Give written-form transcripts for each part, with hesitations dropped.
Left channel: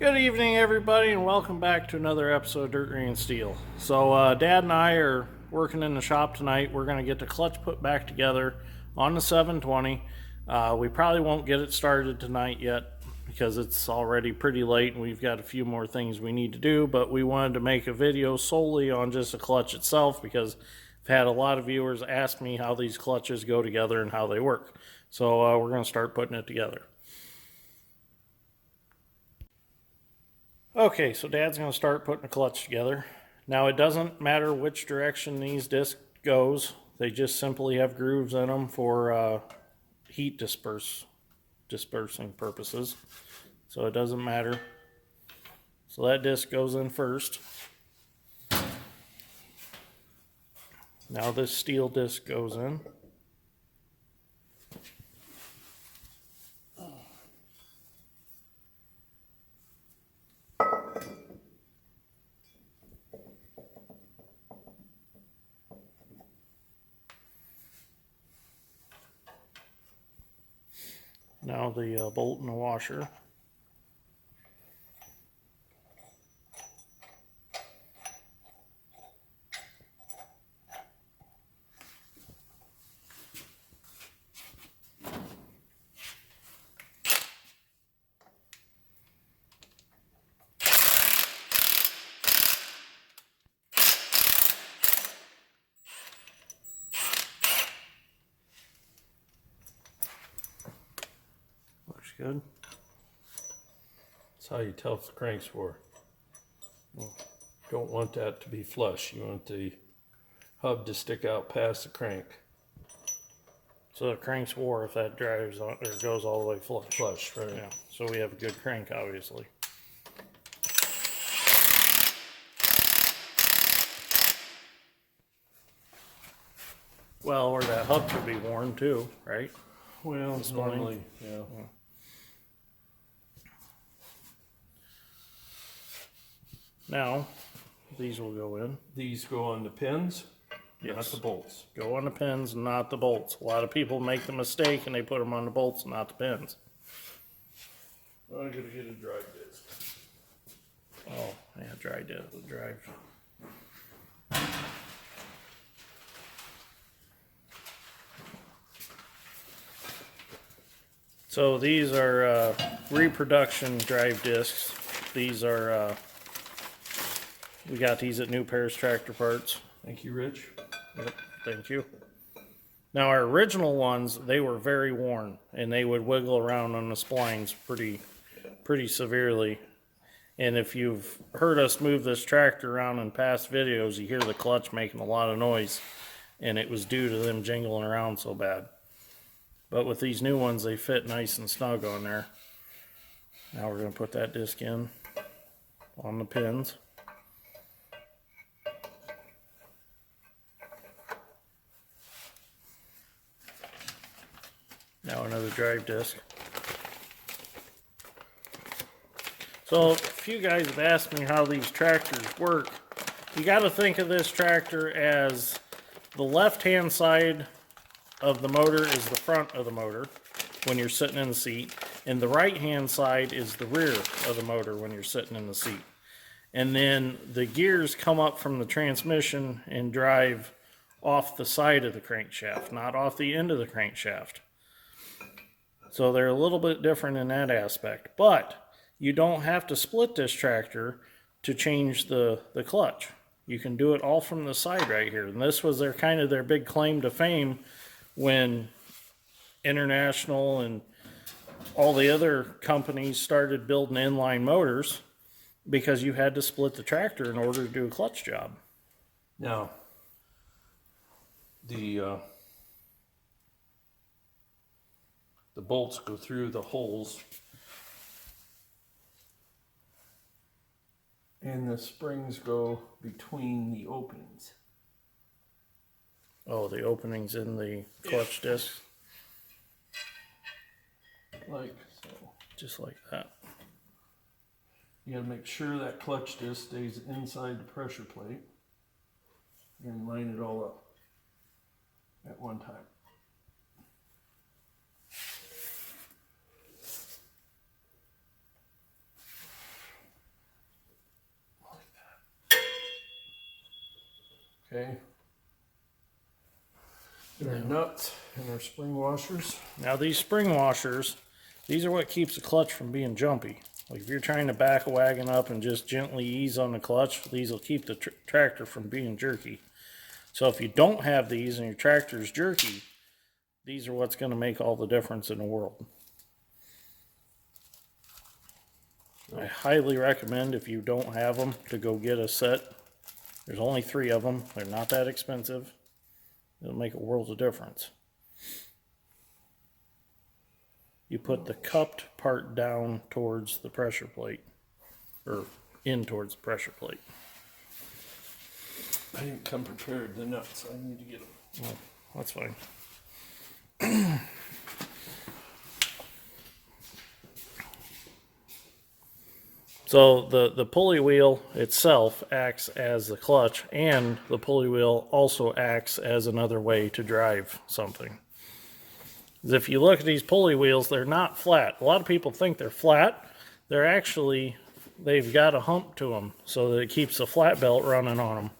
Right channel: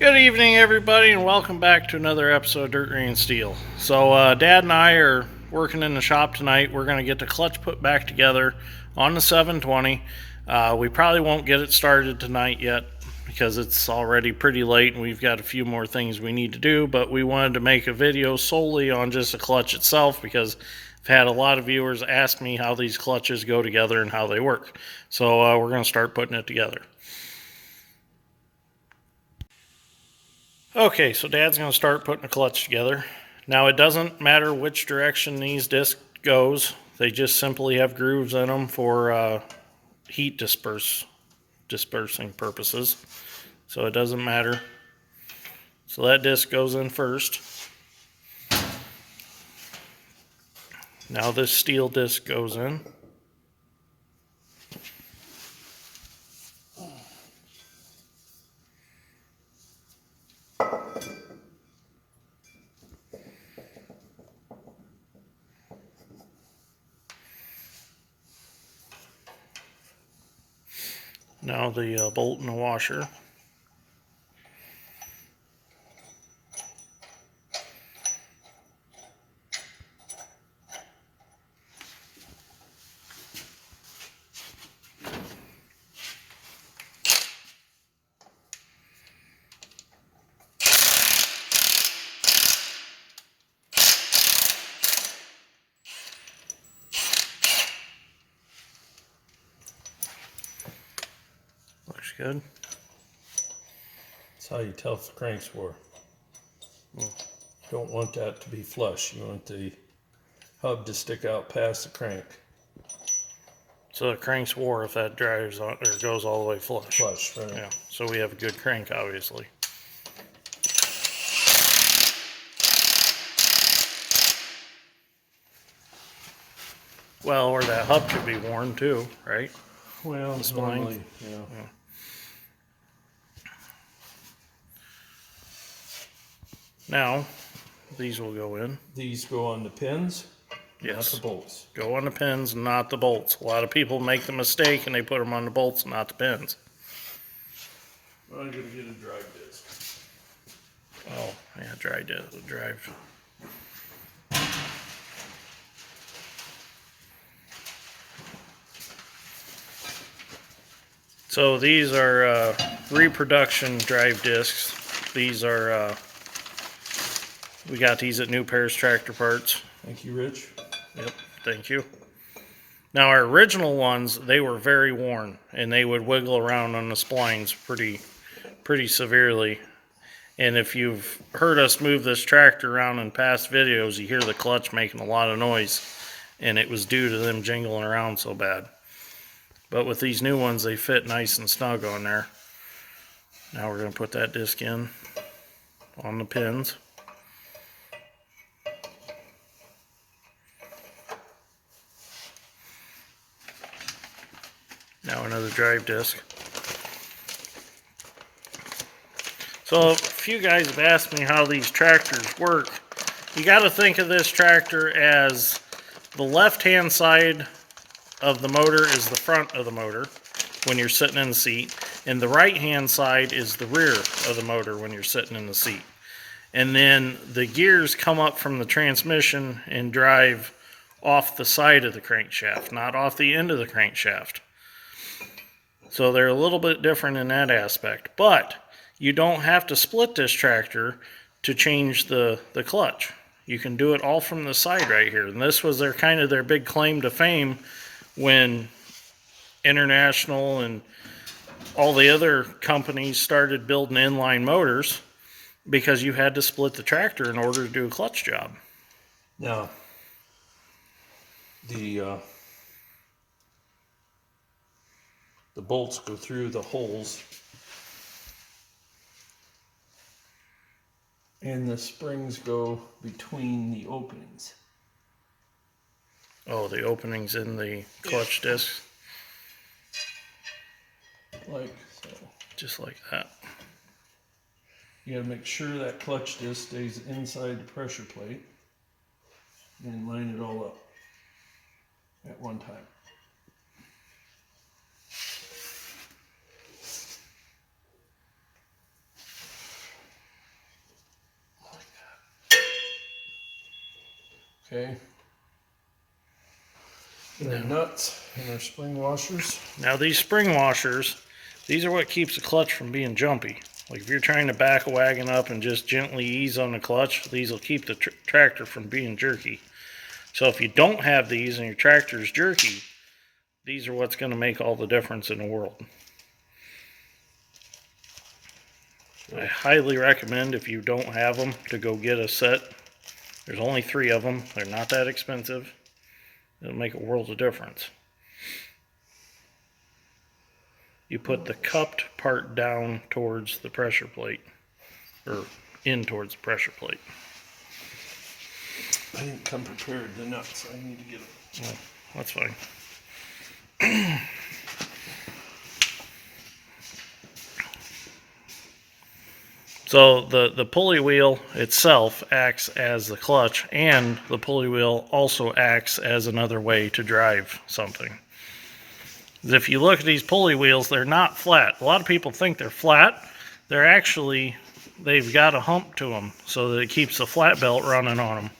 Good evening, everybody, and welcome back to another episode of Dirt Green Steel. So, Dad and I are working in the shop tonight. We're going to get the clutch put back together on the 720. We probably won't get it started tonight yet because it's already pretty late and we've got a few more things we need to do, but we wanted to make a video solely on just the clutch itself because I've had a lot of viewers ask me how these clutches go together and how they work. So, we're going to start putting it together. Okay, so Dad's going to start putting the clutch together. Now it doesn't matter which direction these discs goes. They just simply have grooves in them for heat dispersing purposes. So it doesn't matter. So that disc goes in first. Now this steel disc goes in. Now the bolt and the washer. Looks good. That's how you tell if the crank's wore. You don't want that to be flush. You want the hub to stick out past the crank. So the crank's wore if that drives on or goes all the way flush. Flush, right? Yeah. So we have a good crank, obviously. Well, or that hub could be worn too, right? Well, normally, yeah. Now, these will go in. These go on the pins, Yes. not the bolts. Go on the pins, not the bolts. A lot of people make the mistake and they put them on the bolts, not the pins. I'm gonna get a drive disc. Oh, yeah, drive. So these are Reproduction drive discs. These are, we got these at New Paris Tractor Parts. Thank you, Rich. Yep, thank you. Now our original ones, they were very worn and they would wiggle around on the splines pretty severely. And if you've heard us move this tractor around in past videos, you hear the clutch making a lot of noise, and it was due to them jingling around so bad. But with these new ones, they fit nice and snug on there. Now we're going to put that disc in on the pins. Now another drive disc. So a few guys have asked me how these tractors work. You got to think of this tractor as the left-hand side of the motor is the front of the motor when you're sitting in the seat, and the right-hand side is the rear of the motor when you're sitting in the seat. And then the gears come up from the transmission and drive off the side of the crankshaft, not off the end of the crankshaft. So they're a little bit different in that aspect, but you don't have to split this tractor to change the clutch. You can do it all from the side right here. And this was their kind of their big claim to fame when International and all the other companies started building inline motors, because you had to split the tractor in order to do a clutch job. Now, the bolts go through the holes, and the springs go between the openings. Oh, the openings in the clutch discs? Like so. Just like that. You gotta make sure that clutch disc stays inside the pressure plate and line it all up at one time. Okay. And our nuts and our spring washers. Now these spring washers, these are what keeps the clutch from being jumpy. Like if you're trying to back a wagon up and just gently ease on the clutch, these will keep the tractor from being jerky. So if you don't have these and your tractor's jerky, these are what's going to make all the difference in the world. I highly recommend, if you don't have them, to go get a set. There's only 3 of them. They're not that expensive. It'll make a world of difference. You put the cupped part down towards the pressure plate, or in towards the pressure plate. I didn't come prepared the nuts. I need to get them. Well, that's fine. So the pulley wheel itself acts as the clutch, and the pulley wheel also acts as another way to drive something. If you look at these pulley wheels, they're not flat. A lot of people think they're flat. They're actually, they've got a hump to them so that it keeps the flat belt running on them.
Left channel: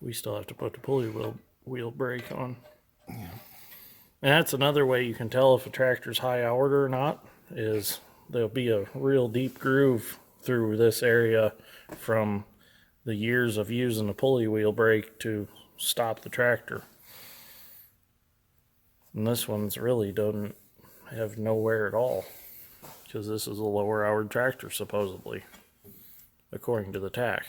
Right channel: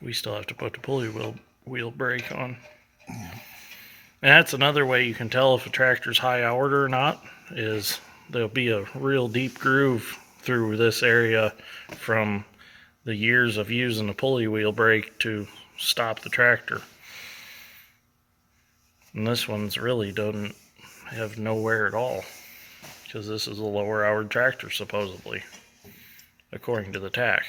We still have to put the pulley wheel brake on. Yeah. And that's another way you can tell if a tractor's high hour or not, is there'll be a real deep groove through this area from the years of using the pulley wheel brake to stop the tractor. And this one's really doesn't have nowhere at all, because this is a lower hour tractor supposedly, according to the tach.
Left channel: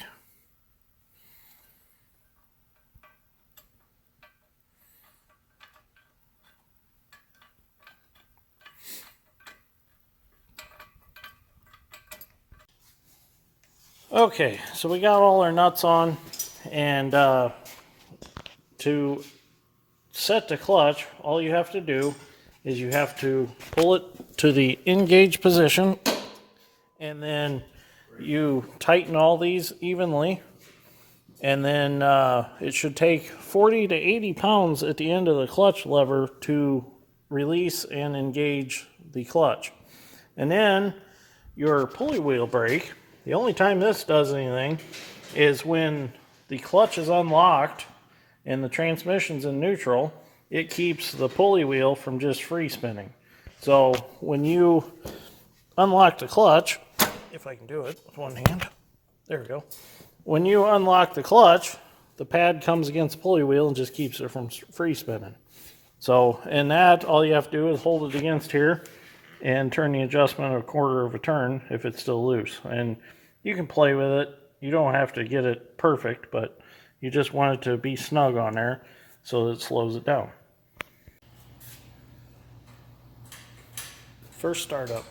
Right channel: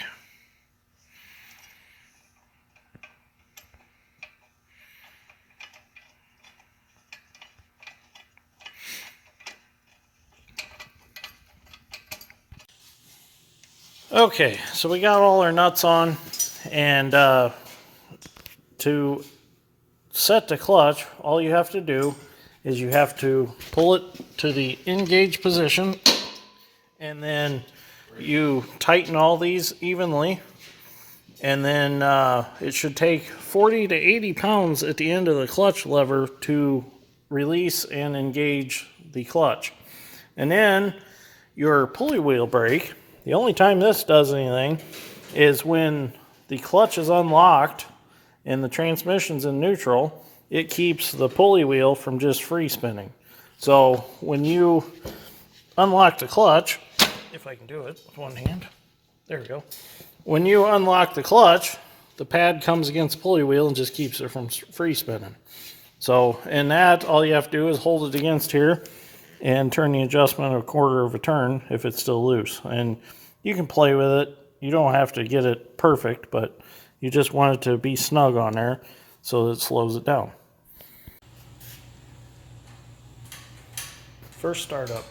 Okay, so we got all our nuts on, and to set the clutch, all you have to do is you have to pull it to the engage position, and then you tighten all these evenly, and then it should take 40 to 80 pounds at the end of the clutch lever to release and engage the clutch. And then your pulley wheel brake, the only time this does anything is when the clutch is unlocked and the transmission's in neutral. It keeps the pulley wheel from just free spinning. So when you unlock the clutch, if I can do it with one hand, there we go. When you unlock the clutch, the pad comes against the pulley wheel and just keeps it from free spinning. So in that, all you have to do is hold it against here and turn the adjustment a quarter of a turn if it's still loose. And you can play with it. You don't have to get it perfect, but you just want it to be snug on there so that it slows it down. First startup.